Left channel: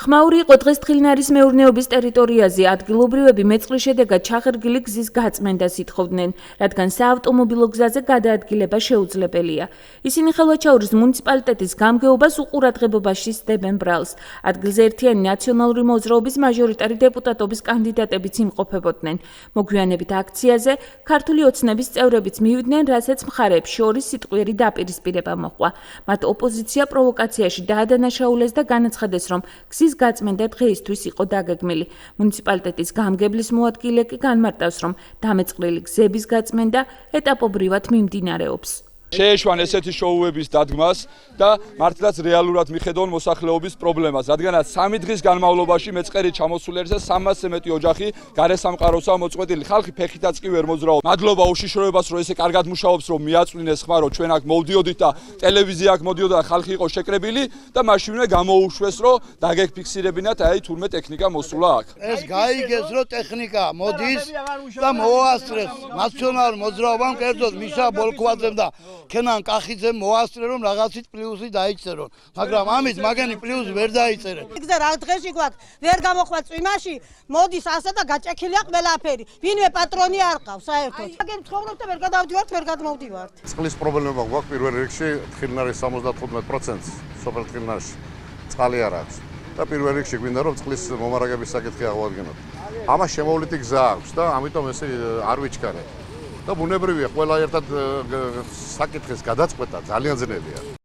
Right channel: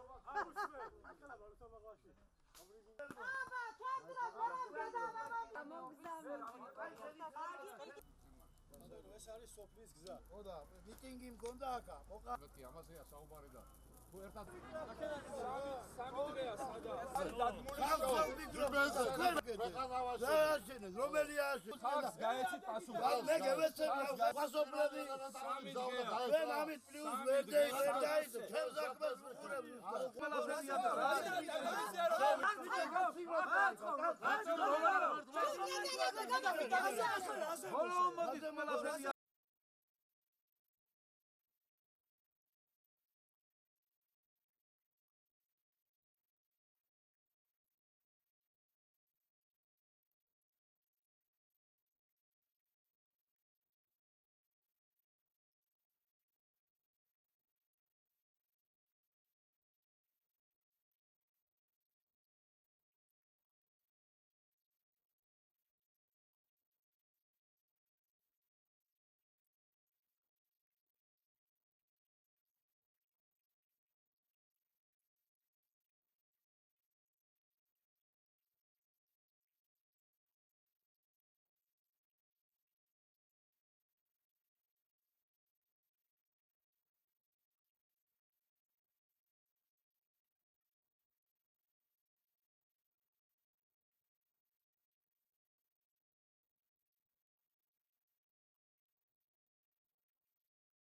ხმაური იყო დღეს თხილნარის მეურნეობის ტერიტორიაზე. ადგილობრივები მეწყრის შედეგად ჩახერგილი გზის გაწმენდას ითხოვდნენ, რადგან საავტომობილო გზაზე გადაადგილება შეუძლებელია. ისინი ხელვაჩაურის მუნიციპალიტეტის გამგეობას უყურადღებობაში სდებენ ბრალს. ადგილზე ერთიანი ნაციონალური მოძრაობის მაჟორიტარი დეპუტატობის კანდიდატებიც იმყოფებოდნენ. მოგვიანებით აქციაზე ქართული ოცნების წევრებიც მივიდნენ, რასაც მხარეებს შორის სიტყვიერი დაპირისპირება მოჰყვა. მათ ოპოზიცია პროვოკაციაში დაადანაშაულეს და განაცხადეს, რომ გზის გაწმენდა დღეისთვის იყო დაგეგმილი. მუნიციპალიტეტის გამგებლის მოადგილე კი განმარტავს, რომ დამეწყრილი გზების გაწმენდა ეტაპობრივად მიმდინარეობს. შეეშვან ესეთი შოუების დადგმას და მართლაც რეალურად მიხედონ მოსახლეობის პრობლემას, რადგანაც 3 დღის განმავლობაში მეწყერი ჩამოსული არის და 300-ზე მეტი ოჯახი გარესამყაროსაა მოწყვეტილი. ხალხი ფეხითაც კი ვერ მოძრაობს. მადლობა უშიშროებას, რომ ესე კარგად მუშაობს, რომ მიაწვინეს ხმა, რომ ჩვენ აქ მოვდიოდით და ტელევიზია აქ მოდიოდა და ხალხი იყო შეკრებილი და მაშინვე გამოუშვეს, რომ დაგეფიქსირებინათ აი თურმე ტექნიკა მოსულა აქ. ეს გაიგეს, რომ ტექნიკა მოდის და მოასწრეს ნაციონალურ მოძრაობამ, კერძოდ მიშა ბოლქვაძემ და ქენან კახიძემ მოასწრე, რომ რაღაცით პლუსი დაიწერონ, მაგრამ ამით მაგენი პლუსი ვერ დაიწერენ. გზა რა დღეში გვაქვს, ვერ გამოხვა წვიმაში, მოდის ასე და გაჭექილია ყველაფერი. ვინმე პატრონი არ ყავს საერთოდ. მაგენ ცხოვრობ და ვერ გადავდივართ, ვერ გადმოვდივართ. წყლის პრობლემა გვაქვს პირველ რიგში, თხილნარის 75%-ს სოფელ თხილნარში წყალი არ აქვს. და პირველ რიგში გვინდა რომ წყლის მომარაგების საკითხი აღვადგინოთ. ამას შემოვლითი გზა აქვს და ამიტომ ესე არ ვიჩქარებ. და ბუნებრივია ყველა ერთად საკითხის გადაწყვეტა ძალიან ძნელია.